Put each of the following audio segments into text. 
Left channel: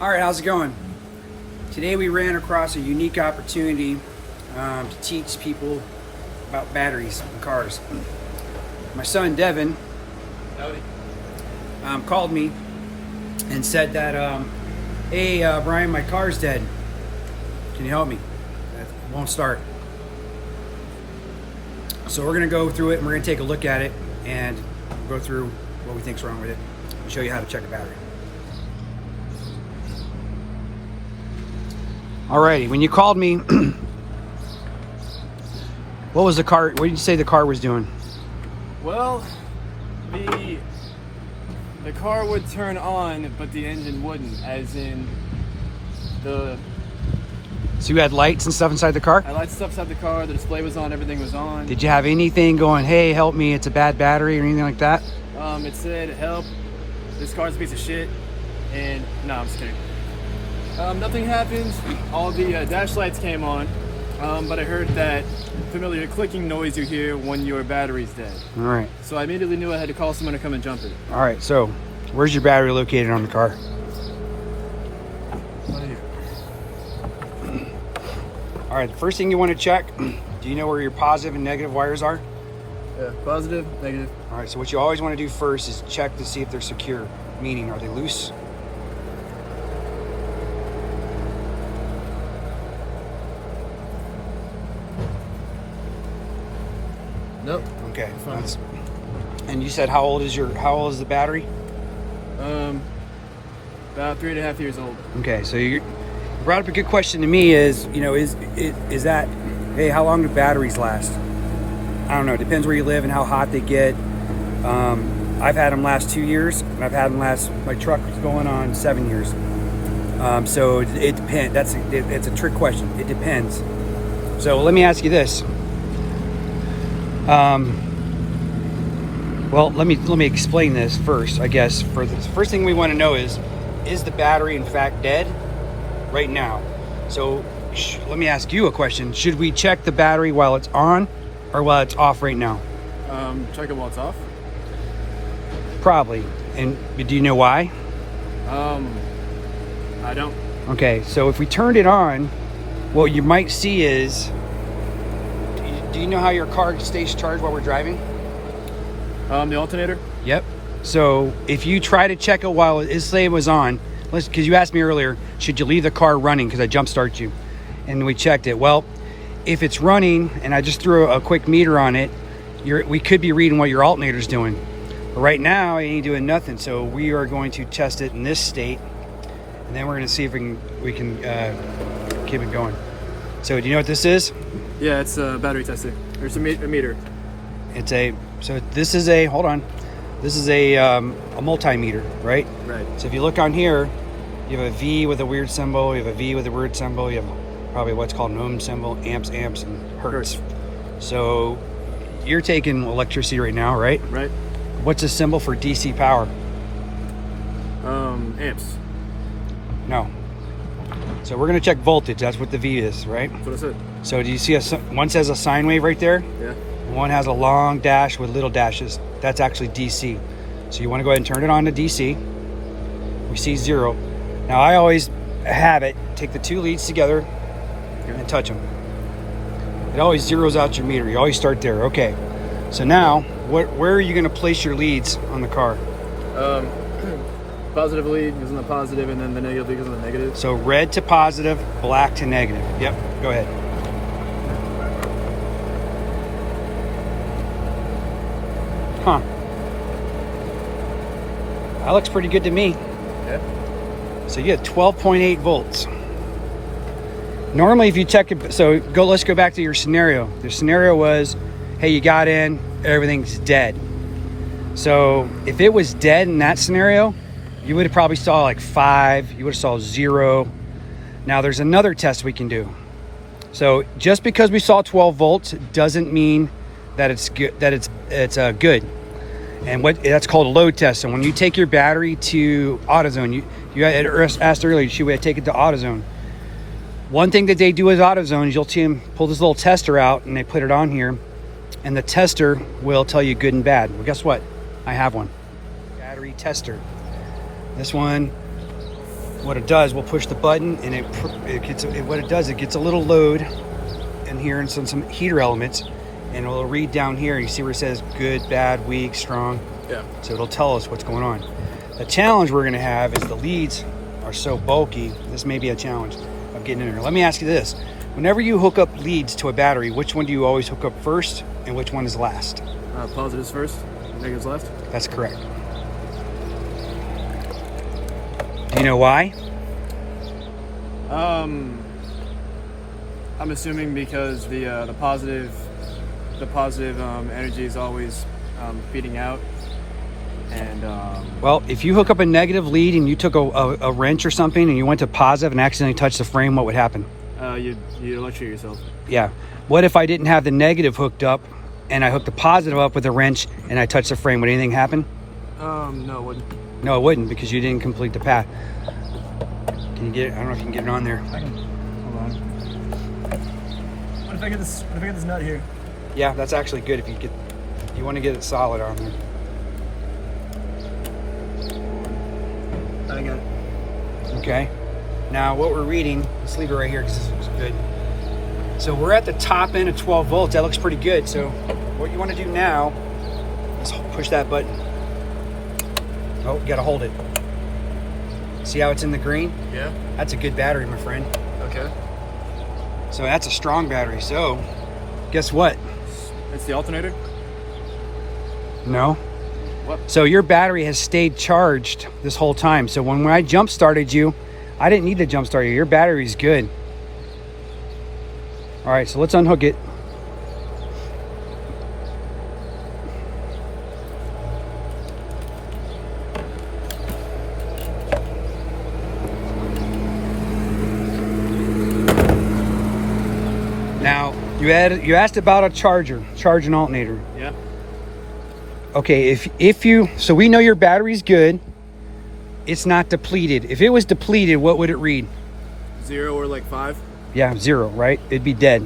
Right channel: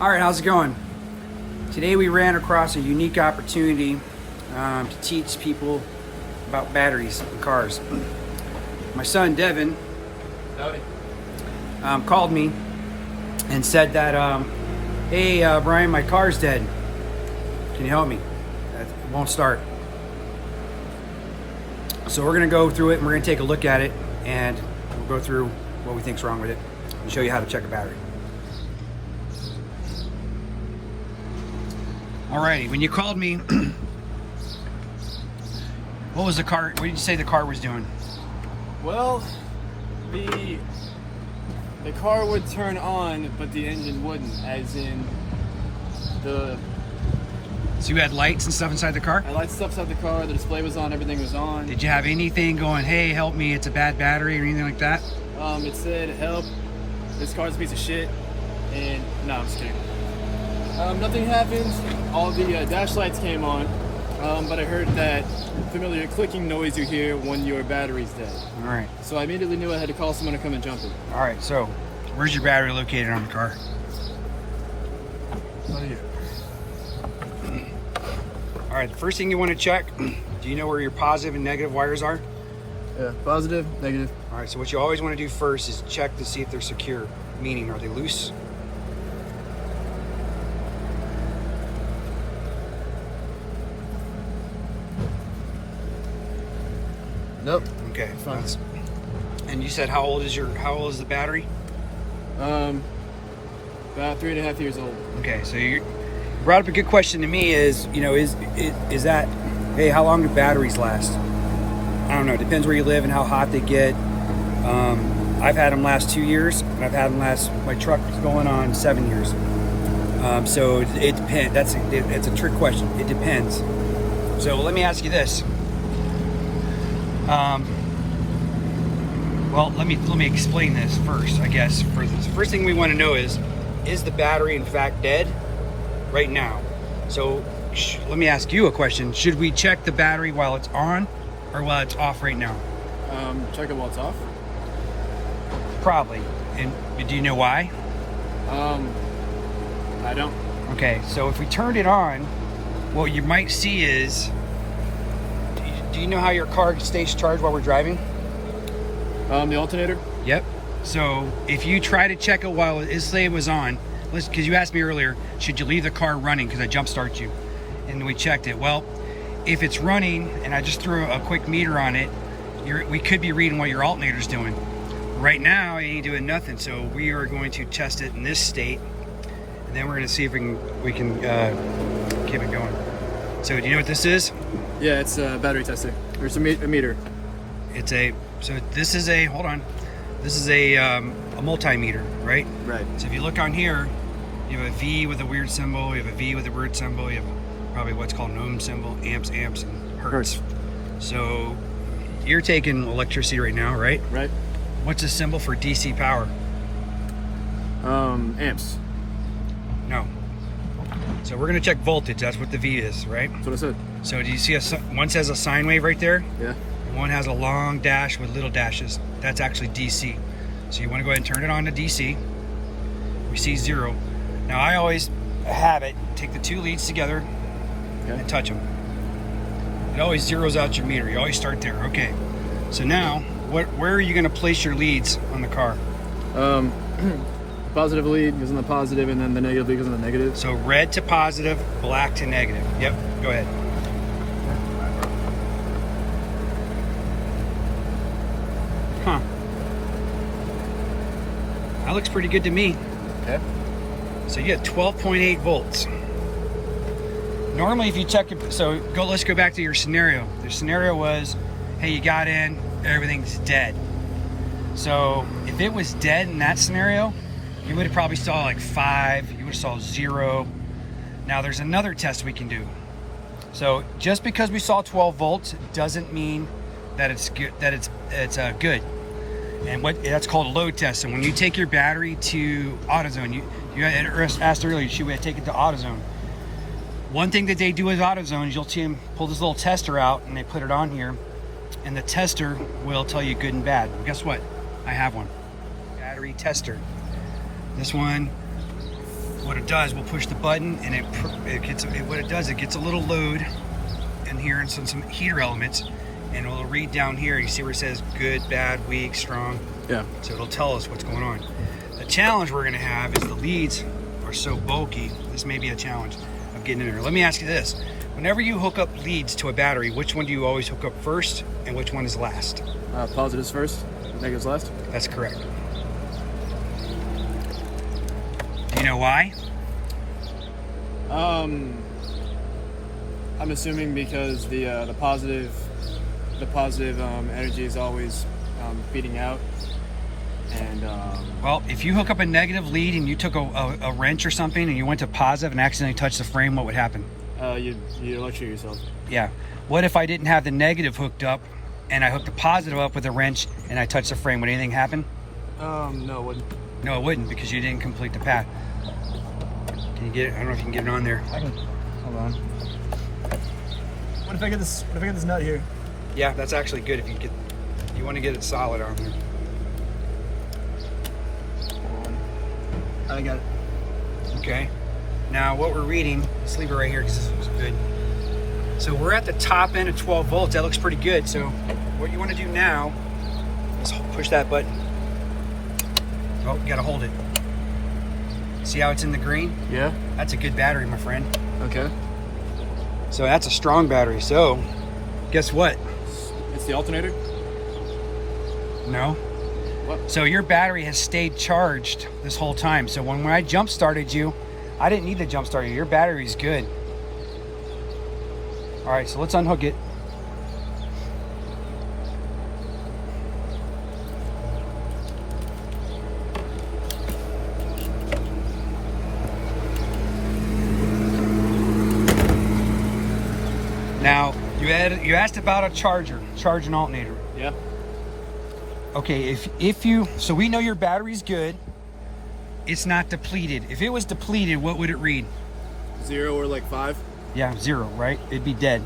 All right, how's it going? Today we ran across a unique opportunity to teach people about batteries in cars. My son Devin called me and said that, hey Brian, my car's dead. Can you help me? It won't start. So we're gonna go through it and we're gonna take a look at it and we'll go through what we think's wrong with it and show you how to check a battery. Alrighty, when you called me, what was the car, what did you say the car was doing? Well, the car would turn on, but the engine wouldn't, as in the... So you had lights and stuff inside the car? I lights stuff inside the car, the display was on, everything was on. Did you have anything going, hey, help me, it's a bad battery or anything like that? It said, help, this car's a piece of shit, and no, I'm just kidding. Nothing happened. All the dash lights came on, but I heard that familiar clicking noise you hear when your battery's dead. All right. So I immediately knew I had to call someone to come and jump it. All right, so where's your battery located on the car? Right here. All right, the first thing you want to check, do you know where your positive and negative wires are? Positive, negative. All right, so what you always want to do first is check to see if they're secure, meaning are they loose? Nope. Okay. Fine. And you said how old is the battery? About 3.5 years old. Okay, so you brought up a good question to me is, you know, is that, hey, how long do batteries last? I don't know, it depends where you live and how hot they get. I've had them last 2 years and I've had them last, my truck going on 7 years. So it depends, it's a trick question, it depends. So let me ask you this. Well, let me explain this first, I guess. For the first thing we want to know is the battery in fact dead right now? So let me ask you a question. Should we check the battery while it's on or while it's off right now? Check it while it's off. Probably. And do you know why? I don't. Okay, so if we turned it on, what you might see is, do you know how your car stays charged while we're driving? The alternator? Yep. So if you try to check it while it was on, because you asked me earlier, should you leave the car running because I jump start you? And we checked it. Well, if it's running and I just threw a quick meter on it, we could be reading what your alternator's doing. But right now, it ain't doing nothing. So we are going to test it in this state, and then we're going to see if we can keep it going. So do you know what this is? Yeah, it's a battery tester. There's a meter. So this is a, hold on. This is a multimeter, right? Right. So if you look on here, you have a V with a weird symbol, you have a V with a weird symbol, you have probably what's called an ohm symbol, amps, and hertz. So you're taking electricity right now, right? Right. What's a symbol for DC power? Amps. No. So we're gonna check voltage, that's what the V is, right? That's what I said. So do you see one says a sine wave right there? Yeah. One has a long dash with little dashes. That's actually DC. So you want to go ahead and turn it on to DC. We see 0. Now I always have it, take the two leads together and touch them. It always zeroes out your meter. You always start there. Okay. So now, where are you going to place your leads on the car? Positive lead goes on the positive, and then the negative lead goes on the negative. So red to positive, black to negative. Yep. Go ahead. Huh. That looks pretty good to me. Yeah. So you get 12.8 volts. Normally if you check it, so let's go back to your scenario. The scenario was, hey, you got in, everything's dead. So if it was dead in that scenario, you would have probably saw like 5, you would have saw 0. Now there's another test we can do. So just because we saw 12 volts doesn't mean that it's good, good. And that's called a load test. So when you take your battery to AutoZone, you had asked earlier, should we take it to AutoZone? One thing that they do with AutoZone is you'll see them pull this little tester out and they put it on here, and the tester will tell you good and bad. And guess what? I have one. Battery tester. This one what it does, we'll push the button and what it does, it gets a little load in here and some heater elements, and it'll read down here. You see where it says good, bad, weak, strong. Yeah. So it'll tell us what's going on. The challenge we're gonna have is the leads are so bulky. This may be a challenge of getting in there. Let me ask you this. Whenever you hook up leads to a battery, which one do you always hook up first and which one is last? Positives first, negatives last. That's correct. Do you know why? I'm assuming because the positive energy is always feeding out, and Well, if you hook up a negative lead and you took a wrench or something and you went to positive and accidentally touched the frame, what would happen? you'd electrocute yourself. Yeah. What if I didn't have the negative hooked up and I hooked the positive up with a wrench and I touched the frame? Would anything happen? No, it wouldn't. No, it wouldn't, because you didn't complete the path. Can you get it? I don't know if you can get it on there. Hold on. What if I get this? What if I get this nut here? Yeah, that's actually good if you want to get it solid on there. Hold on. I got it. Okay. Now what we're reading, let's leave it right here because this is good. So we're at the top end of 12 volts. That looks pretty good. So what you want to do now is push that button. Oh, you gotta hold it. See how it's in the green? Yeah. That's a good battery, my friend. Okay. So that's a strong battery. So guess what? It's the alternator. No. What? So your battery has stayed charged this whole time. So when I jump started you, I didn't need to jump start you. Your battery's good. All right, so let's unhook it. Now, you asked about a charge and alternator. Yeah. Okay, so we know your battery's good. It's not depleted. If it was depleted, what would it read? 0 or like 5. Yeah, 0, right? It'd be dead.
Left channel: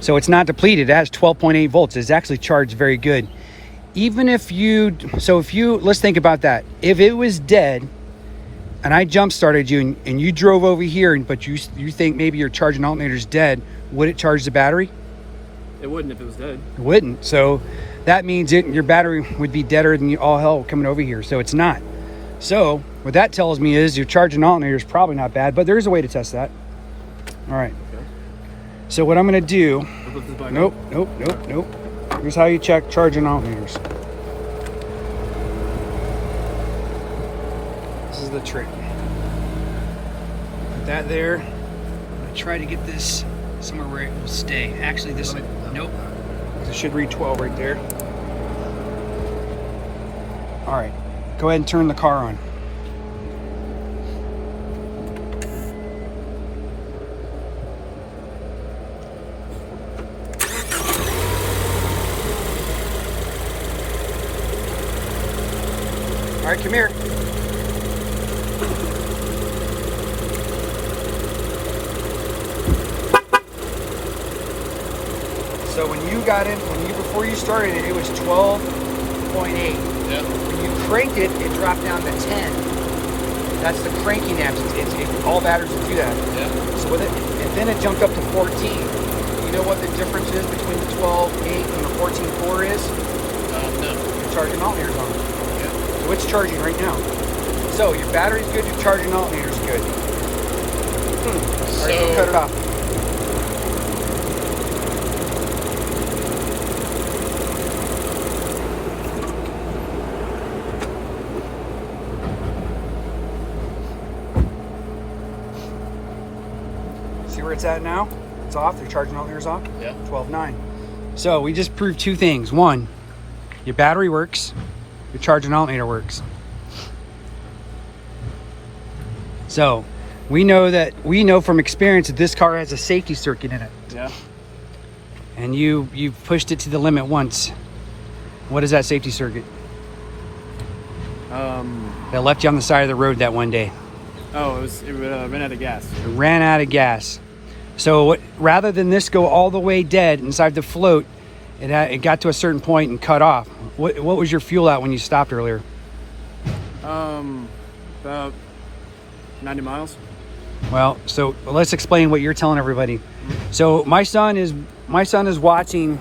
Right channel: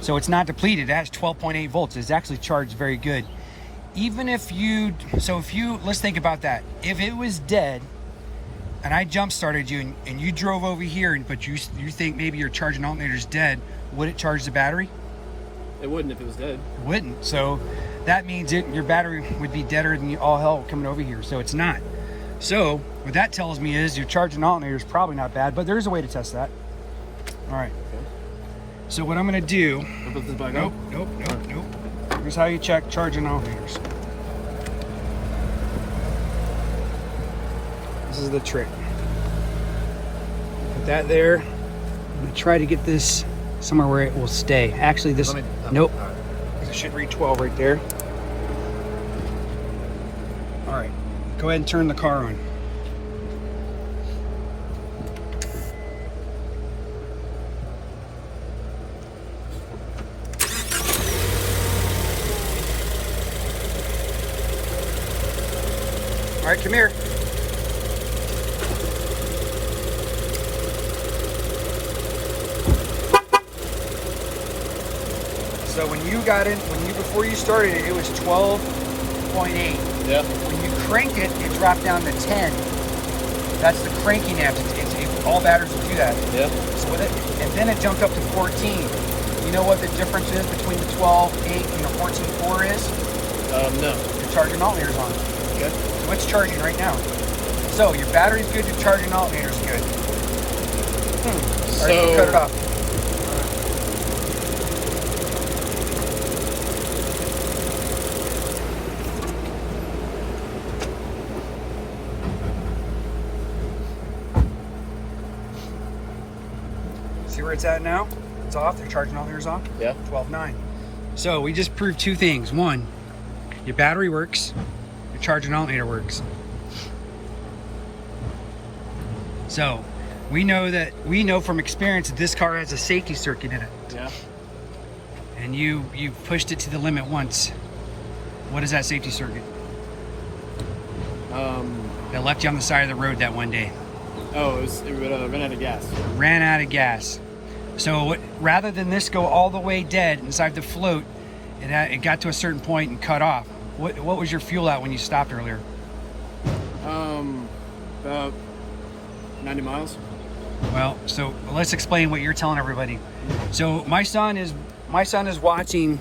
So it's not depleted. It has 12.8 volts. It's actually charged very good. Let's think about that. If it was dead and I jump started you and you drove over here, but you think maybe your charge and alternator's dead, would it charge the battery? It wouldn't if it was dead. It wouldn't. So that means your battery would be deader than all hell coming over here. So it's not. So what that tells me is your charge and alternator is probably not bad, but there is a way to test that. All right. Okay. So what I'm going to do. I'll put this back Nope. on. Here's how you check charge and alternators. This is the trick. Put that there. I'm going to try to get this somewhere where it will stay. Actually, nope. It should read 12 right there. All right. Go ahead and turn the car on. All right, come here. So before you started it, it was 12.8. Yeah. When you cranked it, it dropped down to 10. That's the cranking amps. All batteries will do that. Yeah. So with it, and then it jumped up to 14. You know what the difference is between the 12.8 and the 14.4 is? No. Your charging alternator's on. Yeah. So it's charging right now. So your battery's good, your charging alternator's good. All right, we'll cut it off. See where it's at now? It's off. The charging alternator's off. Yeah. 12.9. So we just proved two things. One, your battery works. Your charging alternator works. So we know from experience that this car has a safety circuit in it. Yeah. And you pushed it to the limit once. What is that safety circuit? That left you on the side of the road that one day. Oh, it ran out of gas. It ran out of gas. So rather than this go all the way dead inside the float, it got to a certain point and cut off. What was your fuel out when you stopped earlier? About 90 miles. Well, so let's explain what you're telling everybody. So my son is watching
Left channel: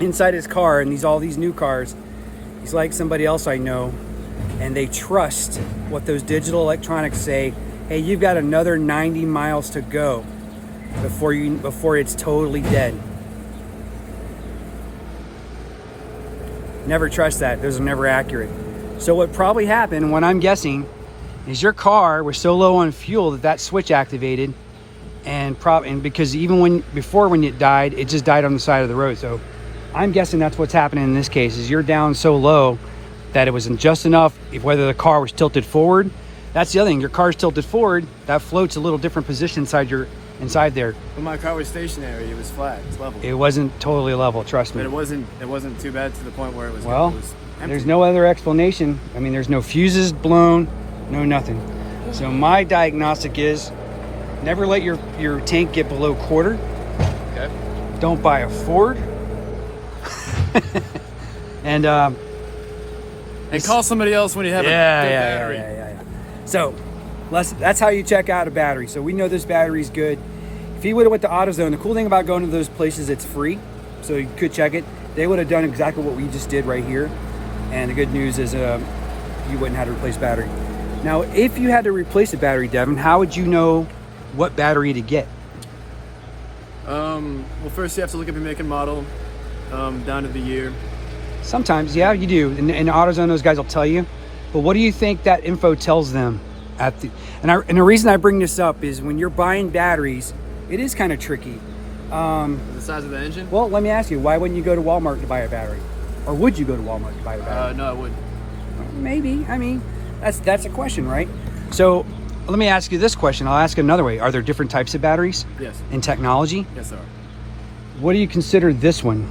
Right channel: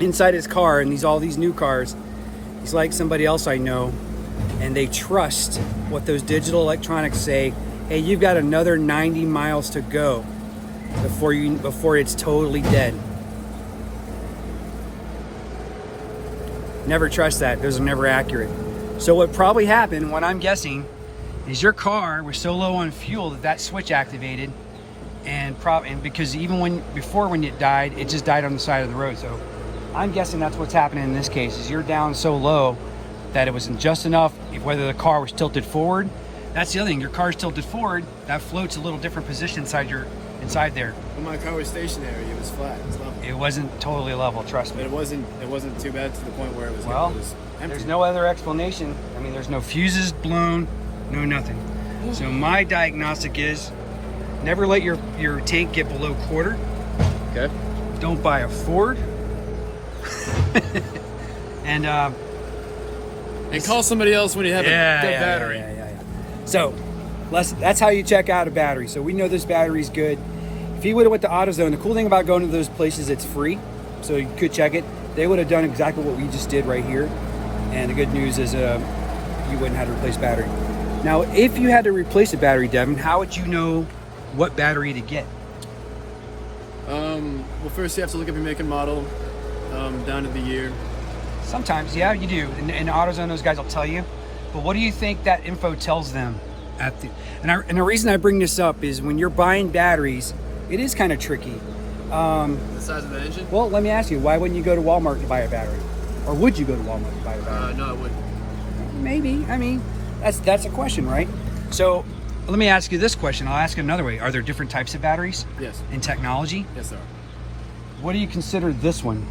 inside his car, and all these new cars. He's like somebody else I know, and they trust what those digital electronics say. Hey, you've got another 90 miles to go before it's totally dead. Never trust that. Those are never accurate. So what probably happened, when I'm guessing, is your car was so low on fuel that switch activated, and because even when it died, it just died on the side of the road. So I'm guessing that's what's happening in this case, is you're down so low that it wasn't just enough. Whether the car was tilted forward, that's the other thing. Your car's tilted forward, that floats a little different position inside there. When my car was stationary, it was flat. It was level. It wasn't totally level, trust me. But it wasn't too bad to the point where it was empty. There's no other explanation. I mean, there's no fuses blown, no nothing. So my diagnostic is never let your tank get below quarter. Okay. Don't buy a Ford. and call somebody else when you have a good battery. Yeah. So that's how you check out a battery. So we know this battery's good. If he would have went to AutoZone, the cool thing about going to those places, it's free. So you could check it. They would have done exactly what we just did right here. And the good news is you wouldn't have to replace battery. Now, if you had to replace a battery, Devin, how would you know what battery to get? Well, first you have to look up your make and model, down to the year. Sometimes, yeah, you do. In AutoZone, those guys will tell you. But what do you think that info tells them? And the reason I bring this up is when you're buying batteries, it is kind of tricky. The size of the engine? Well, let me ask you, why wouldn't you go to Walmart to buy a battery? Or would you go to Walmart to buy a battery? No, I wouldn't. Well, maybe. I mean, that's a question, right? So let me ask you this question. I'll ask it another way. Are there different types of batteries? Yes. In technology? Yes, there are. What do you consider this one?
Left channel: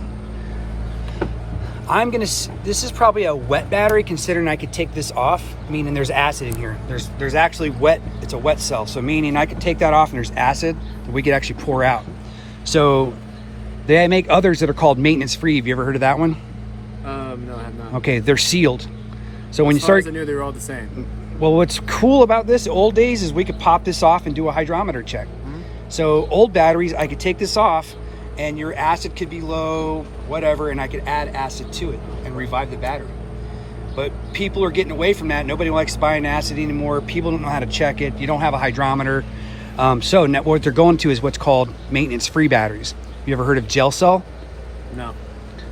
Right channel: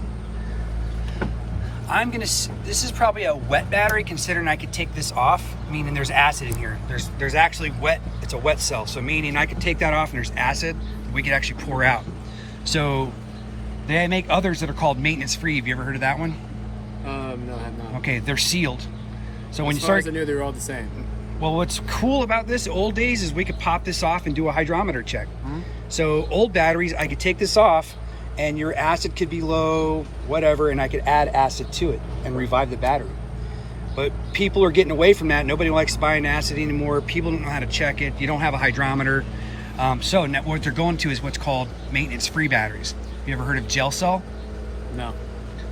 This is probably a wet battery, considering I could take this off, meaning there's acid in here. There's actually wet, it's a wet cell. So meaning I could take that off and there's acid that we could actually pour out. So they make others that are called maintenance free. Have you ever heard of that one? No, I have not. Okay, they're sealed. So when you start, as I knew, they were all the same. well, what's cool about this old days is we could pop this off and do a hydrometer check. Mm-hmm. So old batteries, I could take this off and your acid could be low, whatever, and I could add acid to it and revive the battery. But people are getting away from that. Nobody likes buying acid anymore. People don't know how to check it. You don't have a hydrometer. So now what they're going to is what's called maintenance-free batteries. You ever heard of gel cell? No.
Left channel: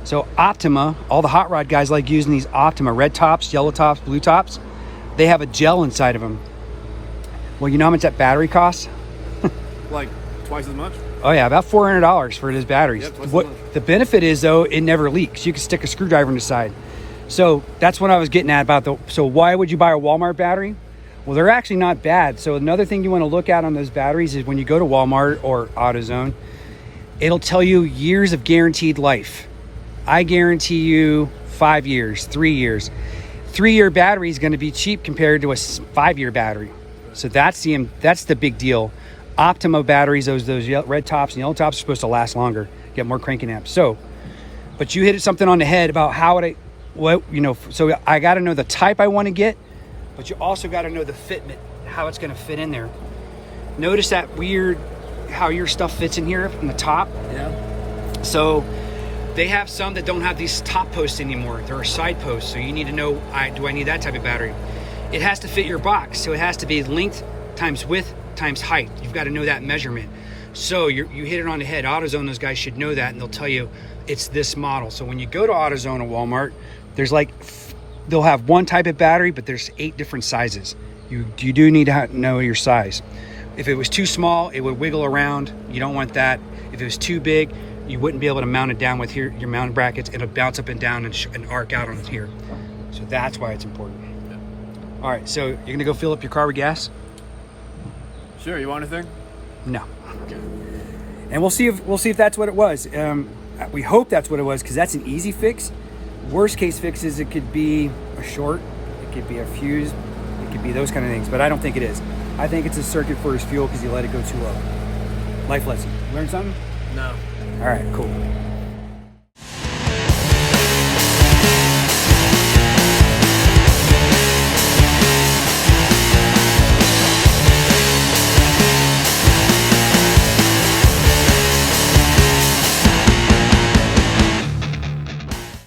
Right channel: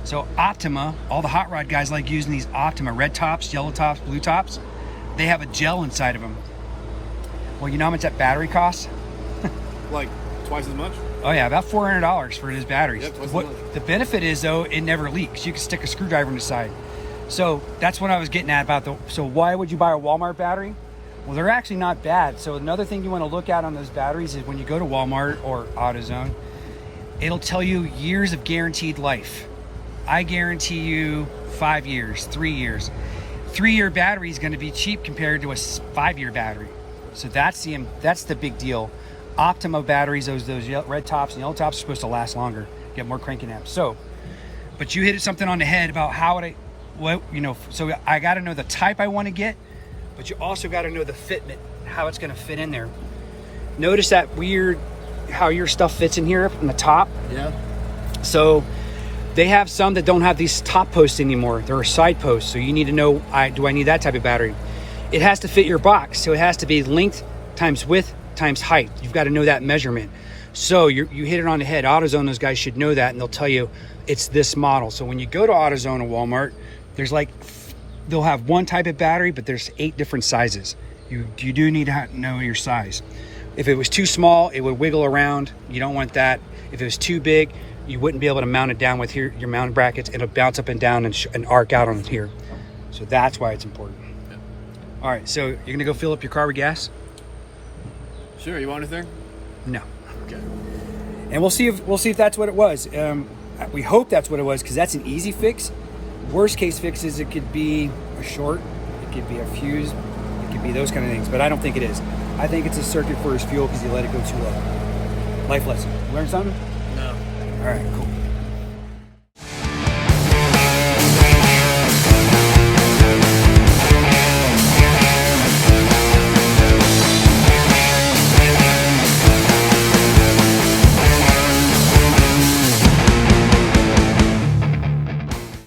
So Optima, all the hot rod guys like using these Optima red tops, yellow tops, blue tops. They have a gel inside of them. Well, you know how much that battery costs? Like twice as much? Oh yeah, about $400 for his batteries. Yep, twice as What much. the benefit is though, it never leaks. You can stick a screwdriver in the side. So that's what I was getting at about so why would you buy a Walmart battery? Well, they're actually not bad. So another thing you want to look at on those batteries is when you go to Walmart or AutoZone, it'll tell you years of guaranteed life. I guarantee you 5 years, 3 years. 3-year battery is going to be cheap compared to a 5-year battery. So that's the big deal. Optima batteries, those red tops and yellow tops are supposed to last longer, get more cranking amps. So, but you hit something on the head about so I got to know the type I want to get, but you also got to know the fitment, how it's going to fit in there. Notice that weird, how your stuff fits in here from the top. Yeah. So they have some that don't have these top posts anymore. They're side posts. So you need to know, do I need that type of battery? It has to fit your box. So it has to be length times width times height. You've got to know that measurement. So you hit it on the head. AutoZone, those guys should know that, and they'll tell you it's this model. So when you go to AutoZone or Walmart, there's they'll have one type of battery, but there's 8 different sizes. You do need to know your size. If it was too small, it would wiggle around. You don't want that. If it was too big, you wouldn't be able to mount it down with your mounting brackets. It'll bounce up and down and arc out on here. So that's why it's important. All right, so you're gonna go fill up your car with gas? Sure. You want anything? No. And we'll see if that's what it was. We hope that's what it was, because that's an easy fix. Worst case fixes, it could be a short, it could be a fuse, it could be those kind of things, but I don't think it is. I think it's a circuit for his fuel because you let it go too low. Life lesson. Learn something? No. All right, cool.